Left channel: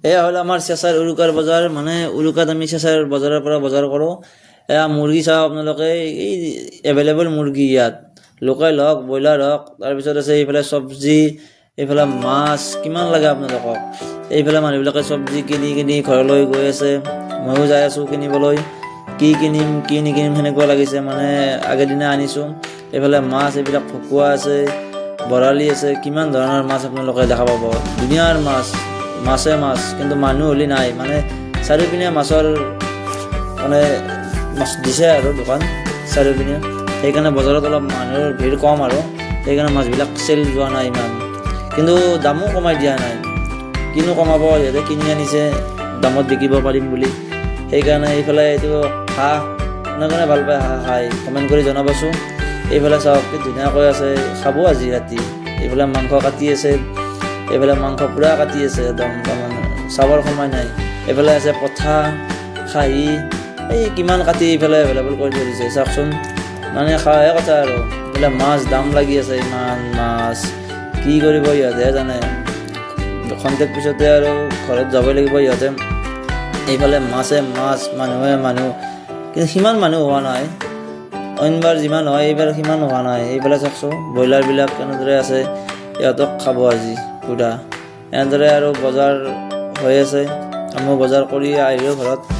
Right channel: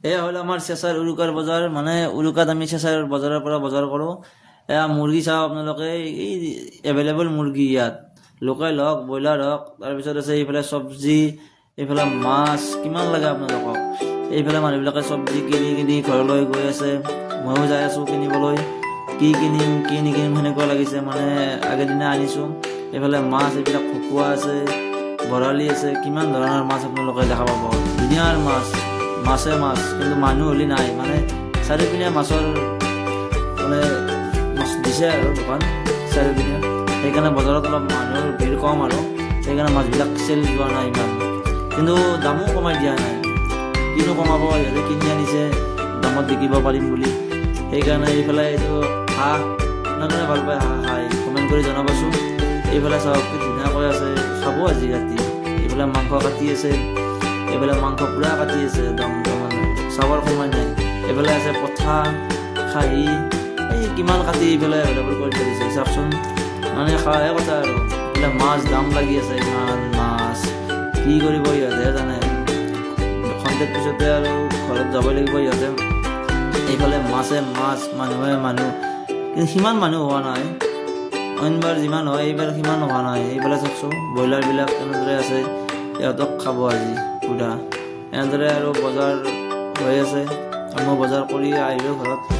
এয়া হল আমাৰ চেঁচাৰ উৰুকাৰ বজাৰ মানে উৰুকাত আমি চেঁচাৰ বজাৰৰ পৰা বজাৰ কৰোঁ এয়া মুৰ্গী চাওক আপোনালোকে এই এভেইলেবল মুৰ্গী ইয়াত লোকেল হওক ব্ৰইলাৰ হওক তাৰপিছত আছে এইফালে চব্জি এইফালে মাছ কিমান লাগে আপোনালোকক এইফালে মানুহবিলাকে চব্জি কিনি ঘৰলৈ গৈ আছে ময়ো যাই আছোঁ কিনিবলৈ কি কিনিম কি নিকিনিম সেনেকুৱা লাগিছে মানে আগেদিনা আনিছোঁ এইফালে মাছ এইবিলাক ভকুৱা আছে বৰালি আছে কিমান ধৰণৰ মাছ আপোনালোকে দেখা পাব ধুনীয়াৰ মাছে মাছ কিন্তু মানুহ হলি নাই মানে চাৰিওপিনে মাছৰ মানে মাছ দিছে আৰু দোকান চাৰিওপিনে সেইকাৰণে বজাৰত অলপ মানুহৰ ভিৰ কম আৰু সেইকাৰণে মাছবিলাক চেল যোৱা নাই ইমান কিন্তু দামো কমাই দিয়া নাই কিনো কমাব যিহেতু কিনি আনিছে দামত বিকিব পাৰিম বুলি সেইকাৰণে এইফালে এইটো হাঁহ কোনে ভাল পায় হাঁহ খাই কমেণ্ট কৰি জনাবচোন এইফালে চাওক কি ধুনীয়াকৈ আছে খাব আজি ৰাতি এইফালে মাংস কাটি আছে এইফালে মাংস পুৰা কাটি আছে একদম মানে চাবৰ সময় নাই এইফালে আছে পঠা খাহী এই কিমান কাটি এইফালে এভেইলেবল কৰি থৈছে চাওকচোন মানে খাওয়াহে কথা আৰু এইফালে মাছ দাম লাগি আছে ইমান মাছ কি কৰিব ইহঁতেহে জানে খন্তেক পিছতে আৰু ঘৰত যাবই লাগিব ইহঁতে এইফালে মাছে মাছ মানুহে মানুহ কিন্তু সিমান মানুহ হোৱা নাই অইনবাৰ যিমান হয় এইবাৰ সিমান হোৱা নাই এইফালে চাওকচোন ব্ৰইলাৰবিলাক কেনেদৰে আছে ইহঁতক খাব আজি পুৰা এনেদৰে আৰু বজাৰ হৈ আছে আমিও বজাৰ কৰি আহিলোঁ ঘৰত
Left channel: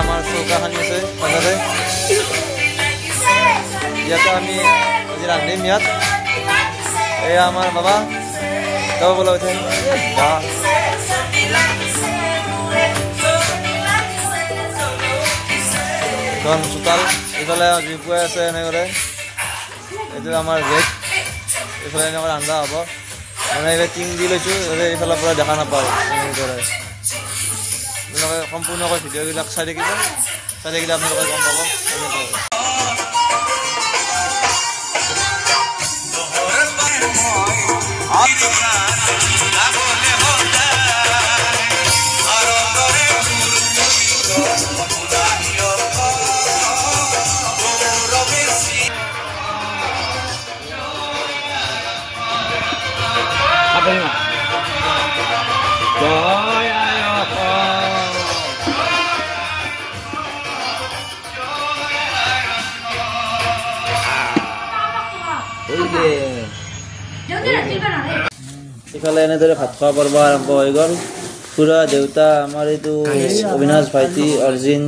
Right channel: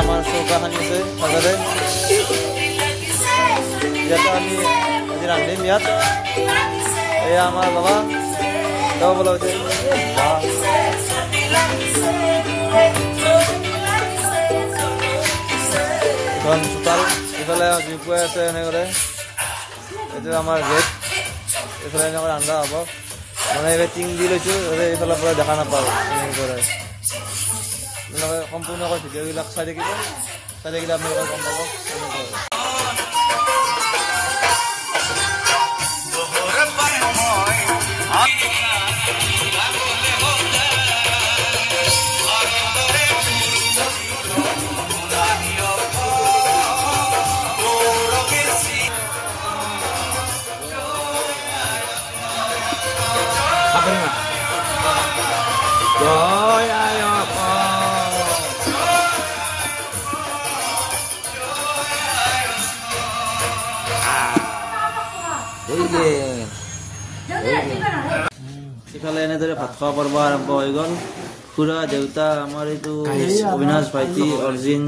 আমাৰ চৌকা খানিছে ভালদৰে ইয়াত আমি আজি ৰান্ধিম ইয়াত এয়া আমাৰ বাবা গাঁও বলা ইফালে ডিপুৱে আছে এনেকৈ এইটো আমাৰ গেট ইফালে আমাৰ ৰান্ধা হ'ব মানে এনে টিং দি লৈছোঁ এইফালৰ পৰা দেখা নাপাওঁ সম্পূৰ্ণকৈ ভিডিঅ'বিলাক চাই থাকিলে আপোনালোকে গম পাব ইফালে এনেদৰে ভাত খোৱা পৰ্ব আৰম্ভ হৈ গ'ল খুৰা দেউতা আমাৰ এইটো অবিনাশ ভাইটি অৰ্জিন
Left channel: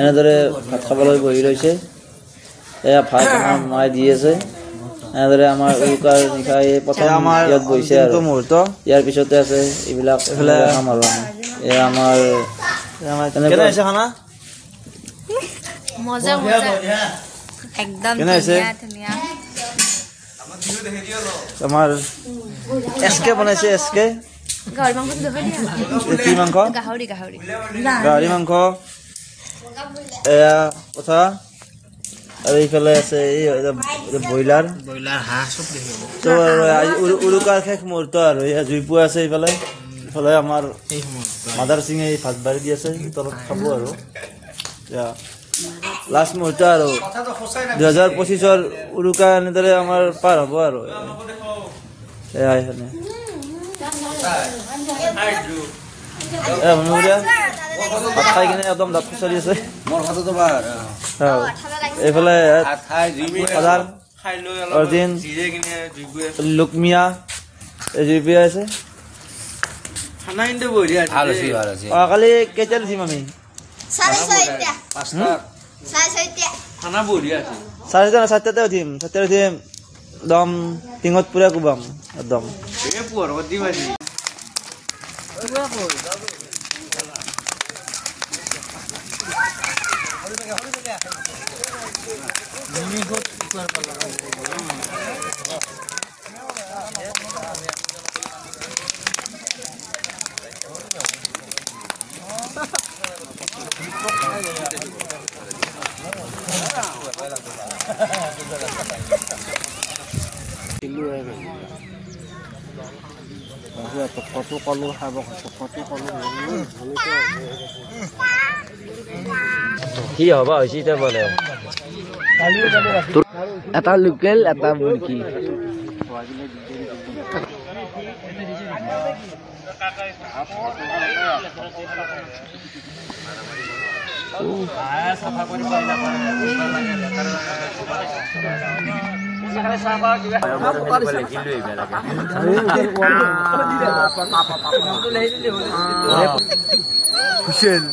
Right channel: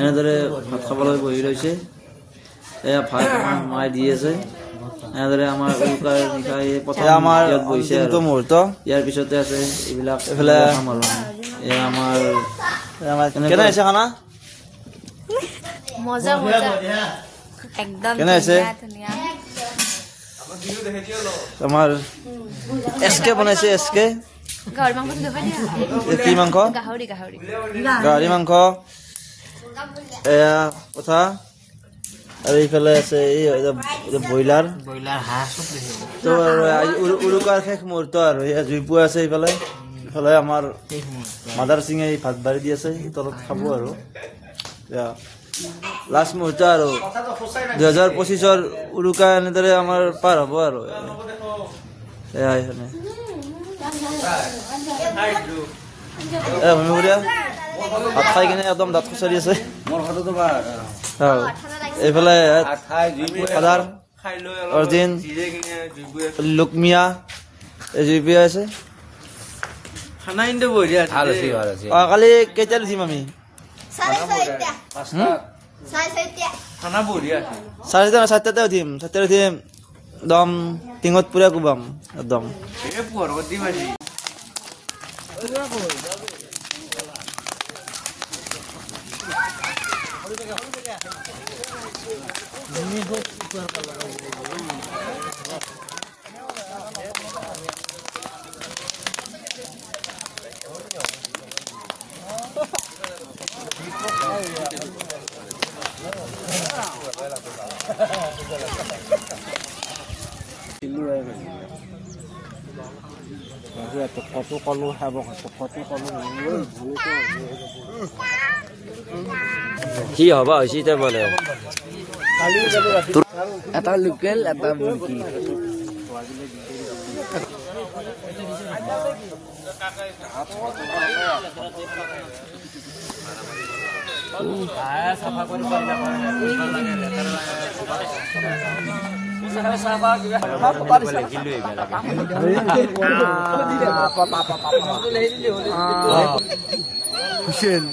এনেদৰে ভাত খাবলৈ বহি ৰৈছে এয়া ভাত আমাৰ মায়ে দি আছে এনেদৰে আমাৰ উৰুকাৰ নিশা প্ৰথম আমাৰ ইয়াত বহিছে আৰু ইয়াৰ পিছতে আছে এইবিলাক খাম আৰু আমি এয়া আমাৰ কেনে হৈছে খানা মজা মজা একদম ধুনীয়া আমাৰ এসকে বনাইছে এসকে গাহৰি মাংস দেখাই দিয়া কি মাংস গাহৰি মাংস এয়া কথা আৰু এইফালে আছে এই ব্ৰইলাৰ হাঁহ চব তো উৰুকাৰ শেষ মুহূৰ্ত আৰু জুইপুৱা আছে এইফালে ইফালে আমাৰ মাদাৰ সিঙে ভাত বাঢ়ি দি আছে তলত খাব আৰু লাষ্ট মুহূৰ্ত আৰু 2025ৰ উৰুকা এনেদৰে আমাৰ পাৰ হ'ব আৰু খাই কিনে একদম দাঁত খুচৰি আছে এইফালে অৰ্জিন লুকমিয়া জুই পিয়া আছে কালি কেইটাত উঠিম আমি 7টাতে উঠিম একদম টিঙত পুৰা কোবাম একদম কি হবা হৈছে এতিয়া বলে এটা লোকেল এটা মুৰ্গী হুসেন